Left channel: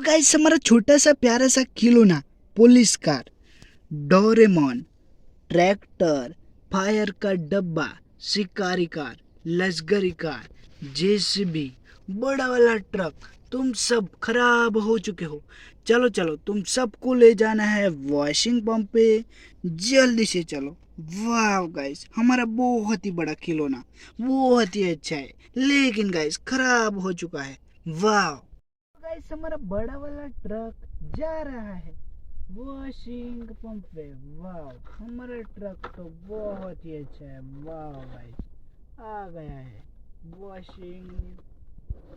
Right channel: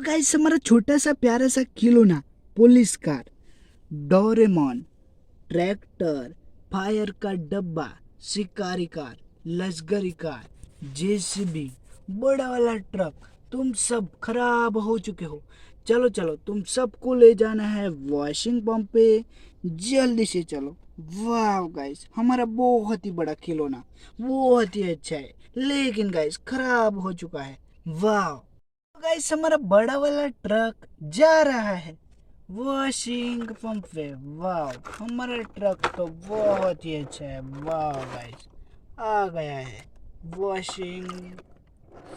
Guys हमारा छोटा सा प्यारा सा खिलौना police car, Doraemon, tractor, fire का डब्बा, शिकारी कार, लश्करी कार, जेसीबी, बड़ा वाला ट्रक, तुम सब खराब हो चुके हो। चलो चलो तुम सबको ले जाना है वॉशिंग पंप पे, जल्दी से चलो। वाह गाइस हमारा बहुत ही बड़ा खिलौना बहुत ही अच्छा है, लेकिन गाइस खराब हो चुका है। वाह गाइस हमारा बड़ा वाला ट्रक जा रहा है वॉशिंग पंप पे। वाह हमारा ट्रक तो बहुत ही अच्छा है। वाह गाइस आ गया है वॉशिंग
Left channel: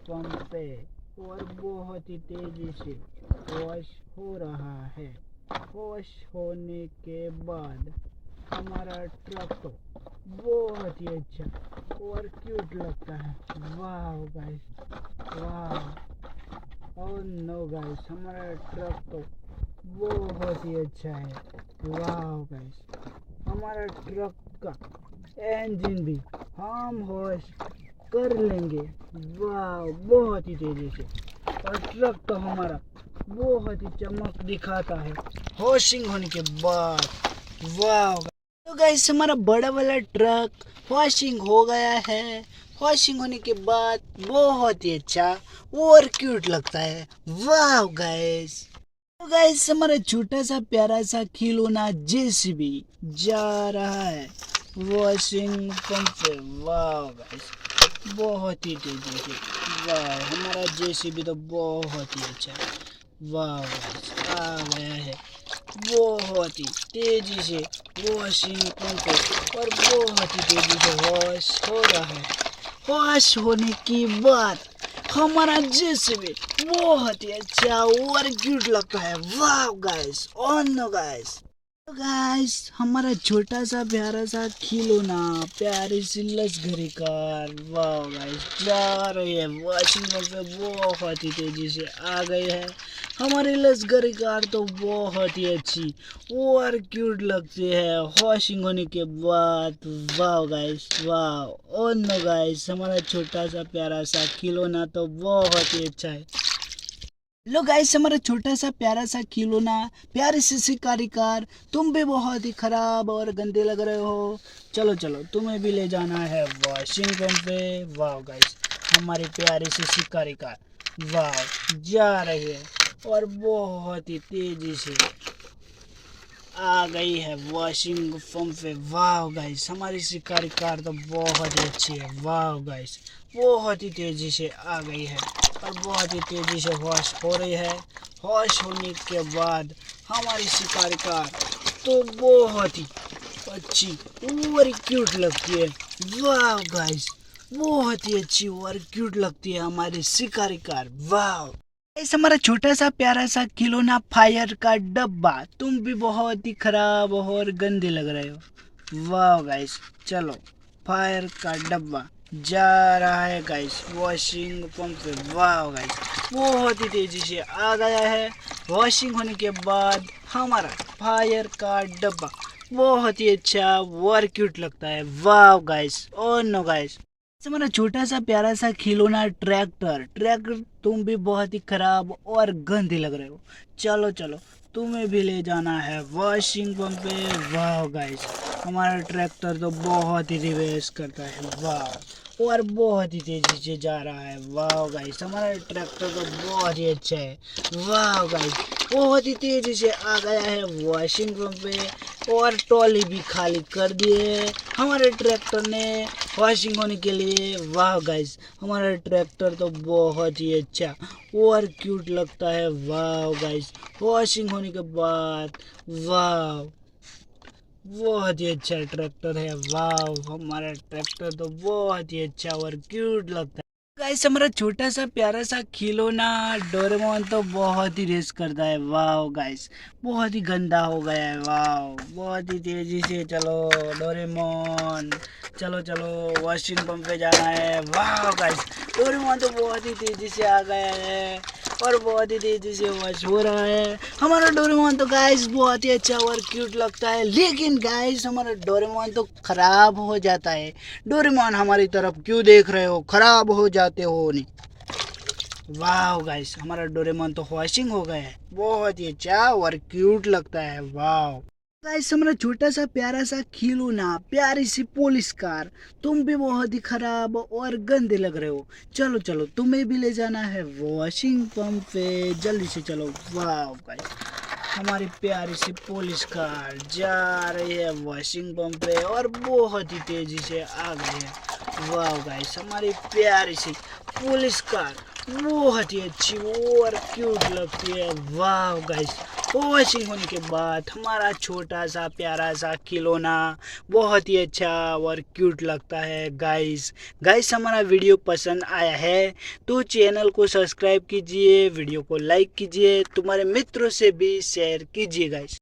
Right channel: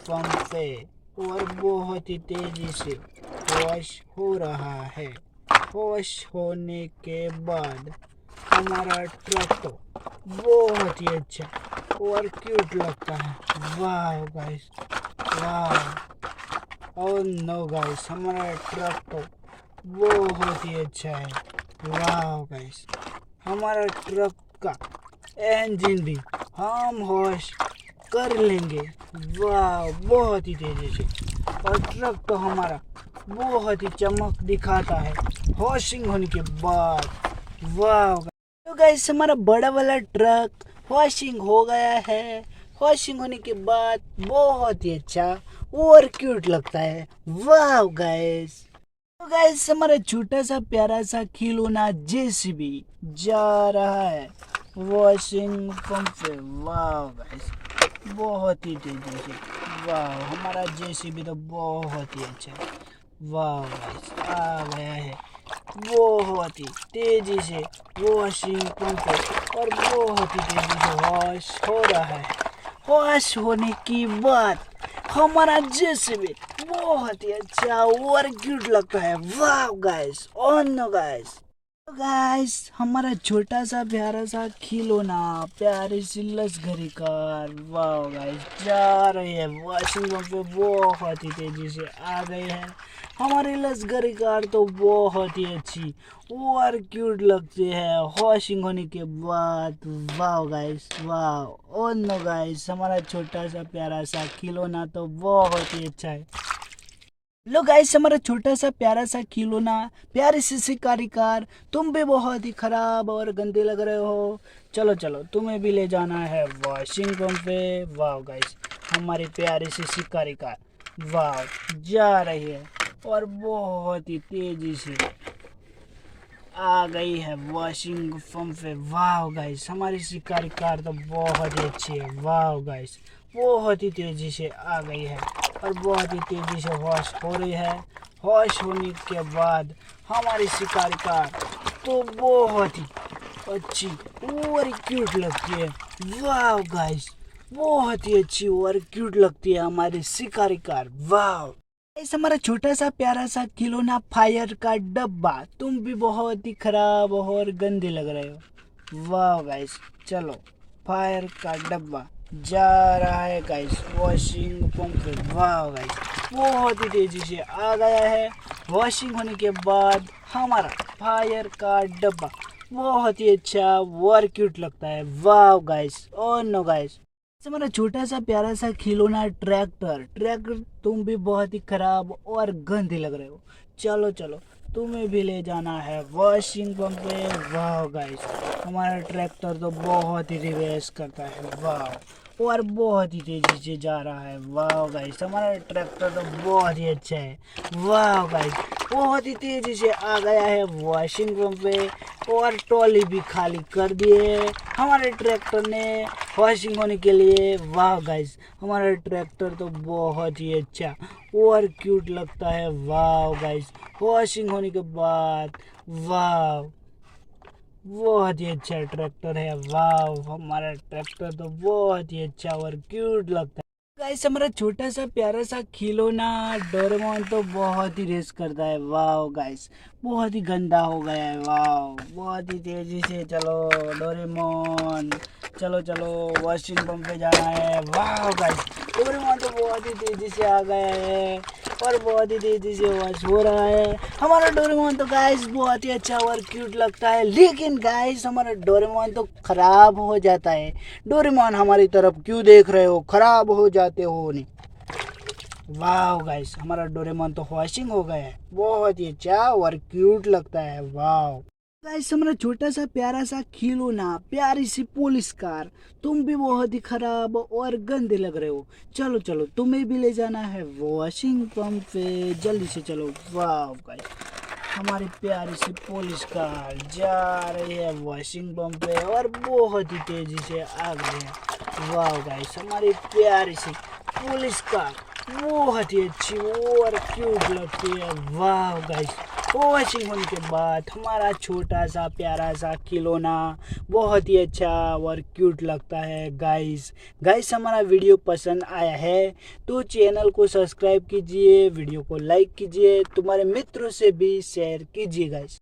पंप पे और बहुत ही तेजी से वॉश हो रहा है। वॉश होने के बाद हमारा ट्रक तो बहुत ही अच्छा और क्यूट लगता है। वाह गाइस वाह। और नो गाइस हमारा ट्रक तो बहुत ही अच्छा है। वाह गाइस हमारा ट्रक का इंजन भी हम वॉश कर लेंगे। वाह बहुत ही तेजी से। और ट्रक तो हमारा बहुत ही चमक दिखाता है वॉशिंग होने के बाद। वाह तो गाइस हमारा बड़ा वाला ट्रक वॉशिंग हो गया है। वॉशिंग होने के बाद बहुत ही अच्छा और क्यूट लगता है। वाह गाइस तो गाइस हमारा छोटा सा प्यारा सा खिलौना जेसीबी जा रहा है वॉशिंग पंप पे। वाह गाइस बहुत ही तेजी से। वाह हमारा जेसीबी तो बहुत ही अच्छा है। वाह गाइस आ गया है बहुत ही तेजी से वॉशिंग पंप पे और बहुत ही तेजी से वॉश हो रहा है। वॉश होने के बाद हमारा जेसीबी बहुत ही अच्छा और क्यूट लगता है। वाह गाइस और नो गाइस गाइस हमारा छोटा सा प्यारा सा खिलौना प्यारी सी लश्करी कार वाह गाइस जा रही है वॉशिंग पंप पे बहुत ही तेजी से आ गई है। हमारी लश्करी कार तो बहुत ही अच्छी और क्यूट लगती है वॉशिंग होने के बाद। वाह गाइस वाह और नो गाइस हमारा छोटा सा प्यारा सा खिलौना तो बहुत ही अच्छा है। लो गाइस हमारा छोटा सा प्यारा सा खिलौना प्यारी सी शिकारी कार, तुम भी बहुत ही खराब और गंदे लग रहे हो। चलो चलो तुम्हें भी ले जाना है वॉशिंग पंप पे। वाह गाइस हमारी प्यारी सी शिकारी कार वाह जा रही है और बहुत ही तेजी से आ गई है वॉशिंग पंप पे। वाह गाइस हमारी शिकारी कार तो बहुत ही अच्छी है। वाह गाइस बहुत ही तेजी से आ गई है और बहुत ही तेजी से वॉश हो रही है। वॉश होने के बाद हमारी शिकारी कार तो बहुत ही अच्छी और क्यूट लगती है। वाह गाइस बहुत ही अच्छी और क्यूट लगती है हमारी शिकारी कार। वाह ऐसा हमारा छोटा सा प्यारा सा खिलौना फायर का डब्बा, तुम भी बहुत ही खराब और गंदे लग रहे हो। वाह गाइस चलो फायर का डब्बा जा रहा है गाइस वॉशिंग पंप पे। वाह गाइस बहुत ही तेजी से आ गया है। वॉशिंग होने के बाद हमारा फायर का डब्बा बहुत ही अच्छा और क्यूट लगता है। वाह गाइस और नो गाइस हमारा छोटा सा प्यारा सा खिलौना ट्रैक्टर, तुम भी बहुत ही खराब और गंदे लग रहे हो। चलो चलो तुम्हें भी ले जाना है वॉशिंग पंप पे। वाह गाइस हमारा ट्रैक्टर तो बहुत ही रिवर्स करता है। वाह और बहुत ही तेजी से जा रहा है। वाह गाइस हमारा ट्रैक्टर तो बहुत ही अच्छा है। वाह गाइस बहुत ही तेजी से आ गया है वॉशिंग पंप पे और ट्रॉली भी खाली कर दिए हमारे ट्रैक्टर ने वॉशिंग होने के लिए। वाह गाइस हमारा ट्रैक्टर तो बहुत ही अच्छा और क्यूट लगता है। वाह गाइस वॉशिंग होने के बाद वाह बहुत ही अच्छा ट्रैक्टर है। वाह हमारा ट्रैक्टर तो बहुत ही अच्छा और क्यूट लगता है। गाइस हमारा छोटा सा प्यारा सा खिलौना डोरेमोन तो बहुत ही रेस करता है। वाह गाइस बहुत ही गंदा हो गया है। वाह बहुत ही तेजी से चलो डोरेमोन, चलो चलो वॉशिंग पंप पे जाना है। वाह गाइस डोरेमोन तो बहुत ही तेजी से आ गया है और बहुत ही तेजी से वॉश हो रहा है। हमारा डोरेमोन तो गाइस बहुत ही अच्छा और क्यूट लगता है, लेकिन गाइस हमारा डोरेमोन तो खराब हो जाता है। डोरेमोन हमारी तरफ क्यों देख रहे हो, खराब हो जाते हो नहीं। वाह गाइस, हमारा डोरेमोन तो वॉशिंग हो गया है, बहुत ही अच्छा और क्यूट लगता है। वाह गाइस, हमारा छोटा सा प्यारा सा खिलौना प्यारी सी पुलिस कार, तुम भी बहुत ही खराब और गंदे लग रहे हो। चलो चलो, तुम्हें भी ले जाना है वॉशिंग पंप पे, जल्दी से चलो। वाह गाइस, हमारी प्यारी सी पुलिस कार जा रही है वॉशिंग पंप पे और बहुत ही तेजी से आ गई है। वाह गाइस, हमारी प्यारी सी पुलिस कार बहुत ही अच्छी और क्यूट लगती है। वाह गाइस, वॉशिंग होने के बाद हमारा छोटा सा प्यारा सा खिलौना बहुत ही अच्छा और क्यूट लगता है। गाइस गाइस, हमारा वीडियो पसंद आया है तो चैनल को सब्सक्राइब कीजिए, वीडियो को लाइक कीजिए, तुम्हारे मित्रों से भी शेयर कीजिए गाइस।